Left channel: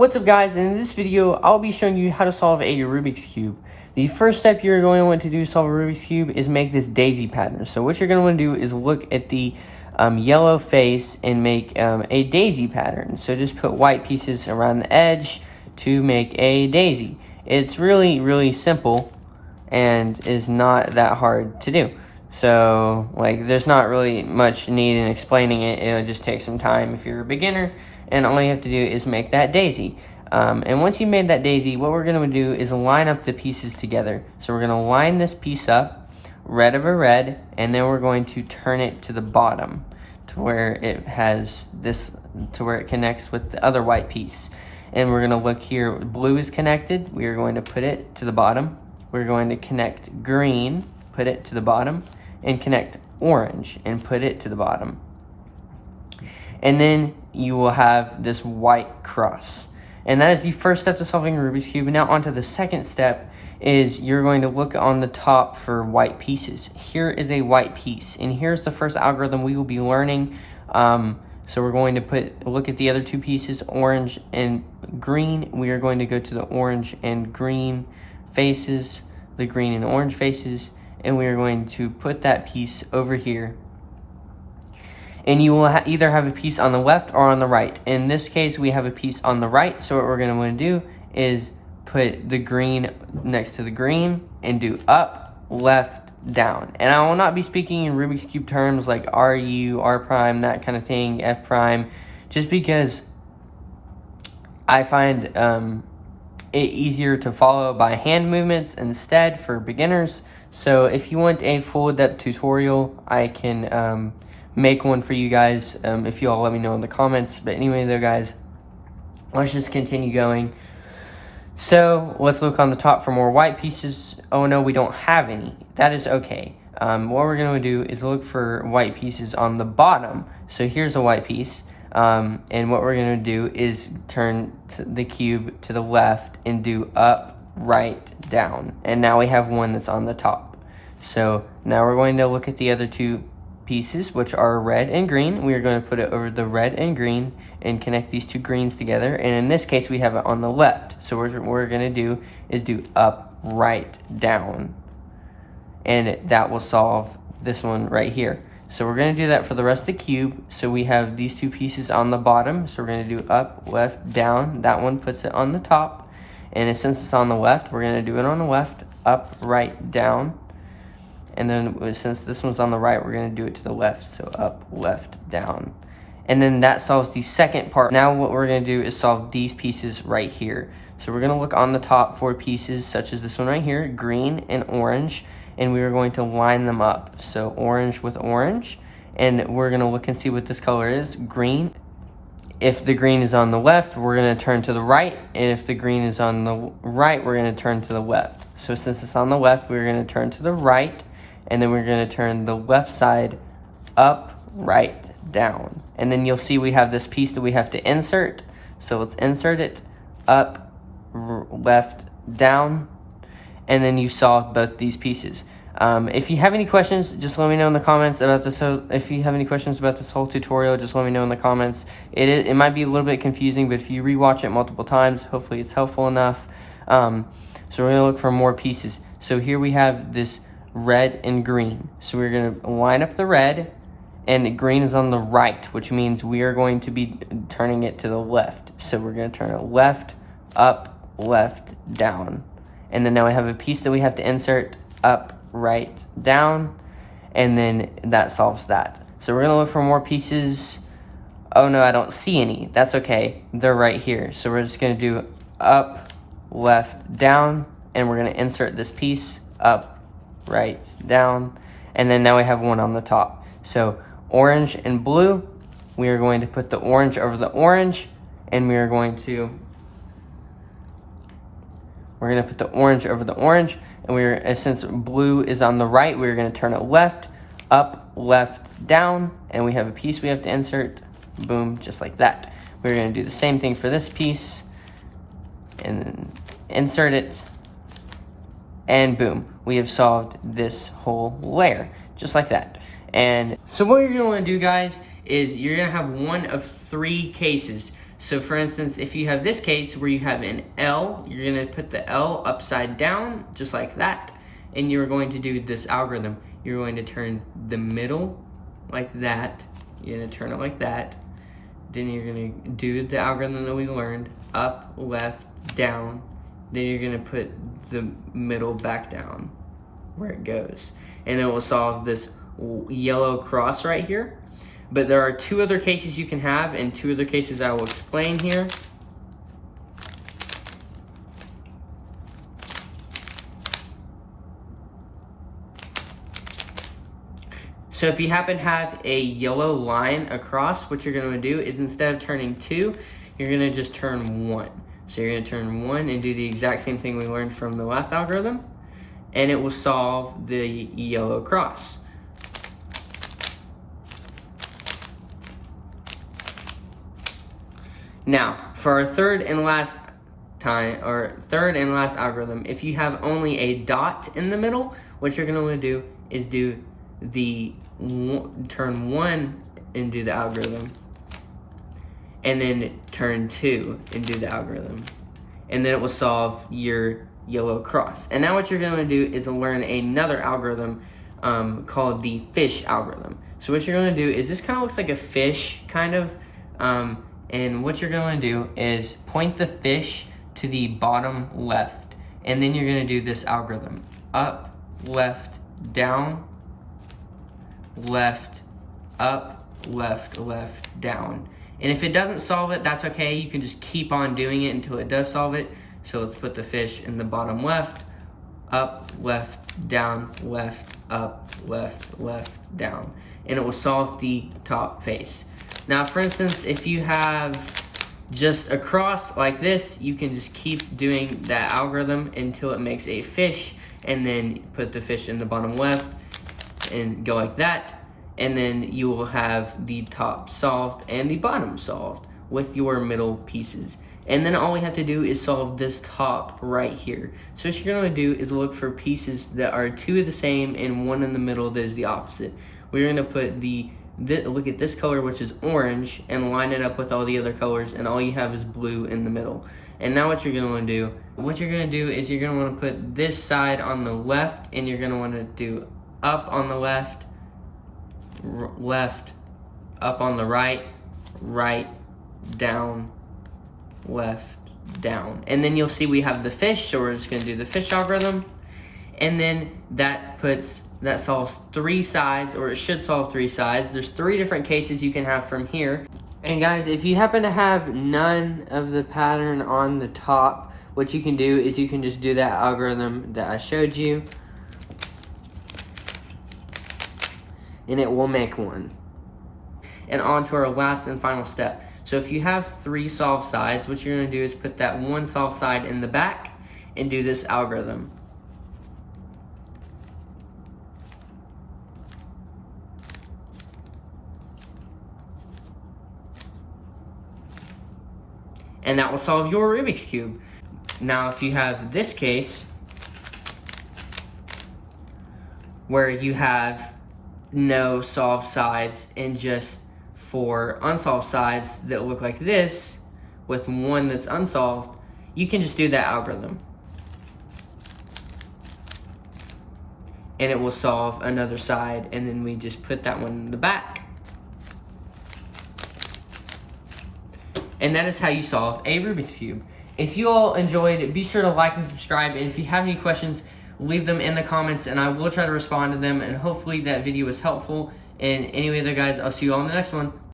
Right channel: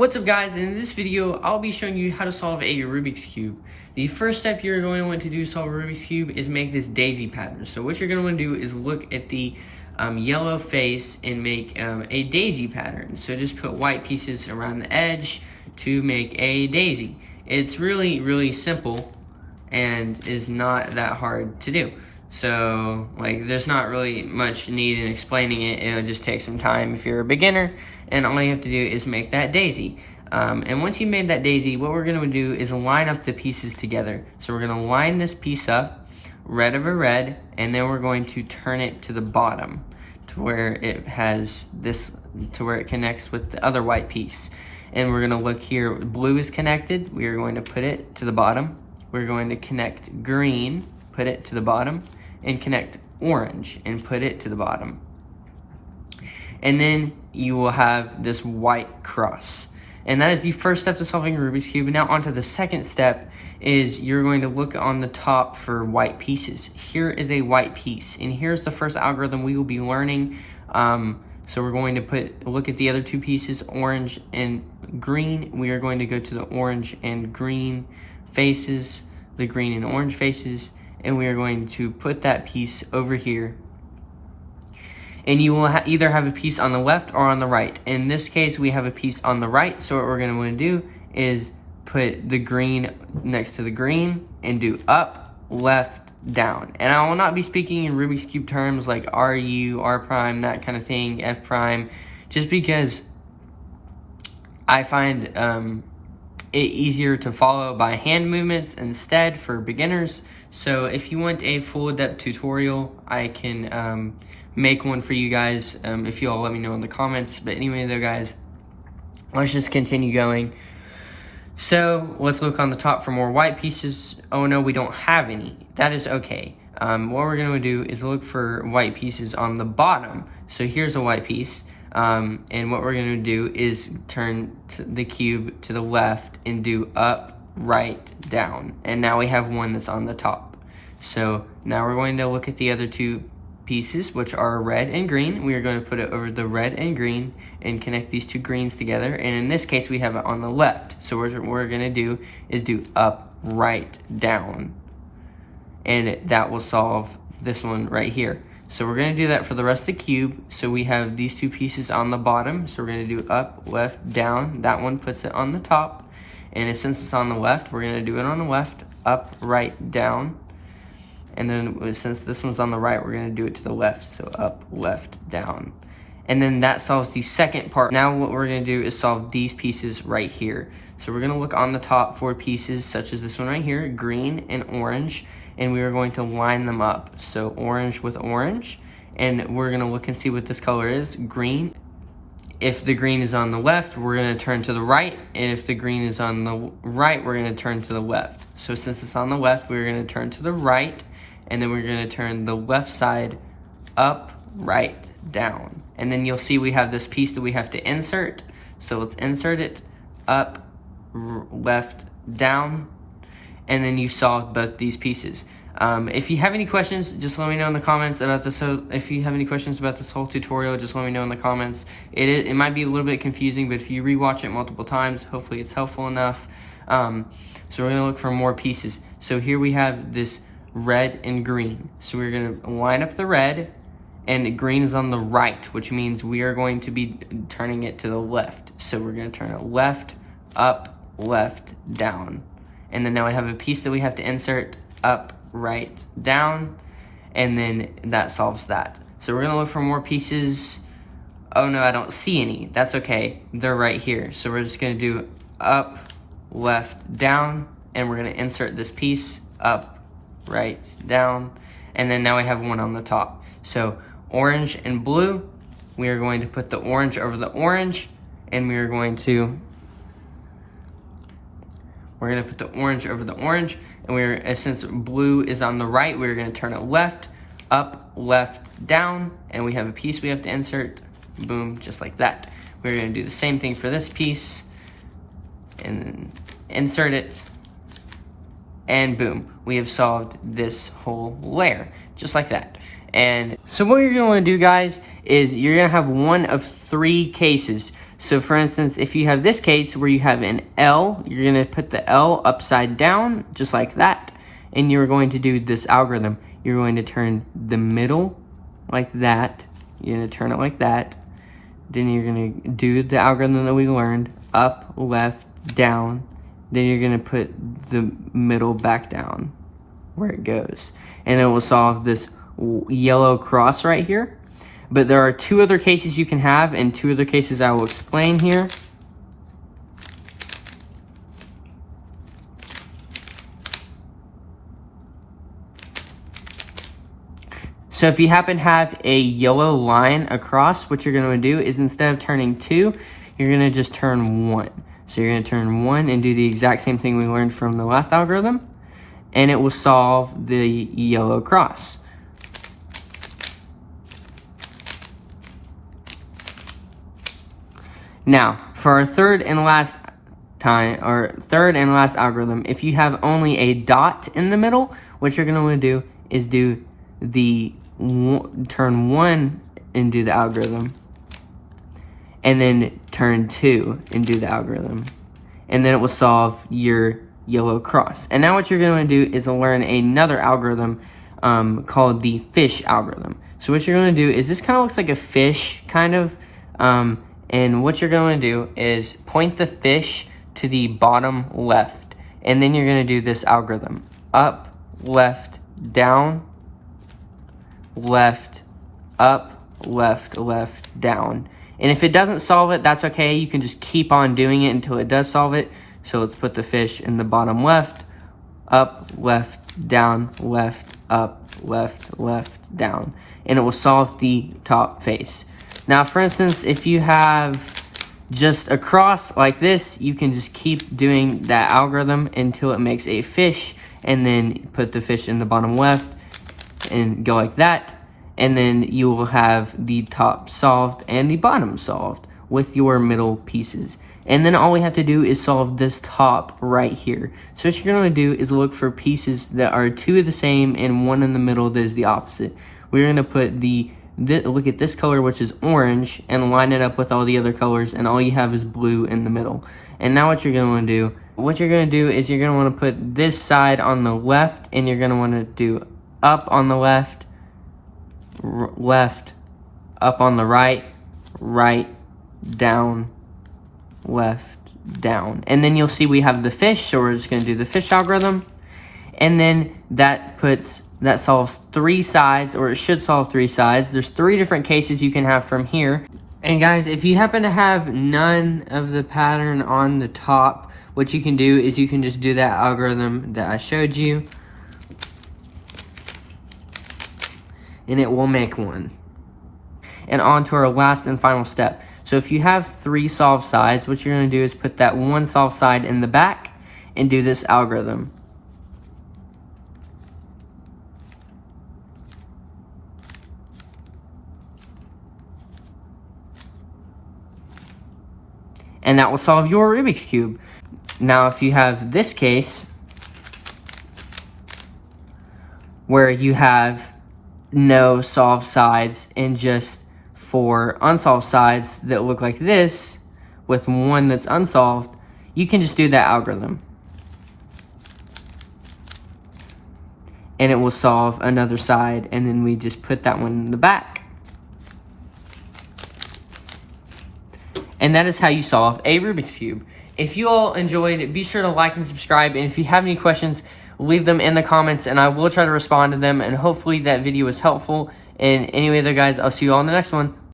What's up guys, in this video I'll be showing you how to solve a Rubik's Cube. The first step you're going to want to do to solve a Rubik's Cube is make this daisy pattern. So what you're going to want to do is look at the yellow face and make a daisy pattern. So just put white pieces around the edge to make a daisy. It's really simple and is not that hard to do. So there's not really much need in explaining it. It'll just take some time if you're a beginner, and all you have to do is make that daisy. And once you made that daisy, what we're going to do is line up the pieces together. So we're going to line this piece up, red over red, and then we're going to turn it to the bottom to where it has this, to where it connects with the other white piece. And we're going to look here, blue is connected, we are going to put it to the bottom. We're going to connect green, put it to the bottom, and connect orange and put it to the bottom. And then you will have this white cross. And that is the first step to solving a Rubik's Cube. And now on to the second step is you're going to look on the top for white pieces. Here is a white piece, and here's the first algorithm we will be learning. So we're going to look at the other two pieces, orange and green. We are going to go to the orange and green faces, the green and orange faces, and we are going to put that piece over here. And you will either have a piece on the left or on the right. In this case, we have a piece on the right, so what we're going to want to do is put the green next to the green and do up, left, down. And I will not be speaking in Rubik's Cube terms like RU, R prime, that kind of thing, F prime, just because I find it easier to follow by hand movements instead for beginners. So if you want a full depth tutorial, I can make one for you guys if you all let me know in the comments. But anyway though guys, let's just continue going. So let's look on the top for more white pieces. Oh no, we don't have any. That is okay. What we're going to do is look for white pieces on the bottom. So here's a white piece. And what we're going to do is turn the cube to the left and do up, right, down. And now we have one that's on the top. So now we're going to look at the other two pieces, which are red and green. We are going to put it over the red and green and connect these two greens together. And in this case, we have it on the left. So what we're going to do is do up, right, down. And that will solve this one right here. So we're going to do that for the rest of the cube. So we have these two pieces on the bottom. So we're going to do up, left, down. That one puts it on the top. And since it's on the left, we're going to do it on the left, up, right, down. And then since this one's on the right, we're going to do it to the left. So up, left, down. And then that solves the second part. Now what we're going to do is solve these pieces right here. So we're going to look on the top for pieces such as this one right here, green and orange. And we are going to line them up. So orange with orange. And we're going to look and see what this color is, green. If the green is on the left, we're going to turn to the right. And if the green is on the right, we're going to turn to the left. So since it's on the left, we're going to turn to the right. And then we're going to turn the left side up, right, down. And then you'll see we have this piece that we have to insert. So let's insert it, up, left, down. And then you've solved both these pieces. If you have any questions, just let me know in the comments about this. If you have any questions about this whole tutorial, just let me know in the comments. It might be a little bit confusing, but if you rewatch it multiple times, hopefully it's helpful enough. So we're going to look for more pieces. So here we have this red and green. So we're going to line up the red, and green is on the right, which means we are going to be turning it to the left. So we're going to turn it left, up, left, down. And then now we have a piece that we have to insert, up, right, down, and then that solves that. So we're going to look for more pieces. Oh no, I don't see any. That's okay. They're right here. So we're just going to do up, left, down, and we're going to insert this piece, up, right, down, and then now we have one on the top. So orange and blue, we are going to put the orange over the orange, and we are going to put the orange over the orange, and since blue is on the right, we're going to turn it left, up, left, down, and we have a piece we have to insert, boom, just like that. We're going to do the same thing for this piece, and then insert it, and boom, we have solved this whole layer, just like that. And so what you're going to want to do, guys, is you're going to have one of three cases. So for instance, if you have this case where you have an L, you're gonna put the L upside down, just like that. And you're going to do this algorithm. You're going to turn the middle like that. You're gonna turn it like that. Then you're gonna do the algorithm that we learned, up, left, down. Then you're gonna put the middle back down where it goes. And it will solve this yellow cross right here. But there are two other cases you can have, and two other cases I will explain here. So if you happen to have a yellow line across, what you're gonna do is instead of turning 2, you're gonna just turn 1. So you're gonna turn 1 and do the exact same thing we learned from the last algorithm, and it will solve the yellow cross. Now, for our third and last algorithm, if you have only a dot in the middle, what you're gonna wanna do is do the turn 1 and do the algorithm, and then turn 2 and do the algorithm, and then it will solve your yellow cross. And now what you're going to do is learn another algorithm called the fish algorithm. So what you're going to do is, this kind of looks like a fish, kind of, and what you're going to do is point the fish to the bottom left, and then you're going to do this algorithm: up, left, down, left, up, left, left, down. And if it doesn't solve it, that's okay. You can just keep on doing it until it does solve it. So let's put the fish in the bottom left, up, left, down, left, up, left, left, down. And it will solve the top face. Now, for instance, if you have just a cross like this, you can just keep doing that algorithm until it makes a fish, and then put the fish in the bottom left and go like that. And then you will have the top solved and the bottom solved with your middle pieces. And then all we have to do is solve this top right here. So what you're gonna do is look for pieces that are two of the same and one in the middle that is the opposite. We're gonna put look at this color, which is orange, and line it up with all the other colors, and all you have is blue in the middle. And now what you're gonna wanna do is you're gonna wanna put this side on the left, and you're gonna wanna do up on the left, left, up on the right, right, down, left, down. And then you'll see we have the fish, so we're just gonna do the fish algorithm. And then that solves 3 sides, or it should solve 3 sides. There's 3 different cases you can have from here. And guys, if you happen to have none of the pattern on the top, what you can do is you can just do that algorithm that I showed you, and it will make one. And on to our last and final step. So if you have 3 solved sides, what you're gonna do is put that one solved side in the back and do this algorithm. And that will solve your Rubik's Cube. Now, if you have this case where you have no solved sides and just 4 unsolved sides that look like this with one that's unsolved, you can just do that algorithm. And it will solve another side, and then we just put that one in the back. And that is how you solve a Rubik's Cube. If you all enjoyed it, be sure to like and subscribe. And if you have any questions, leave them in the comments, and I will try to respond to them. And hopefully that video was helpful. And anyway, there, guys, I'll see you all in the next one.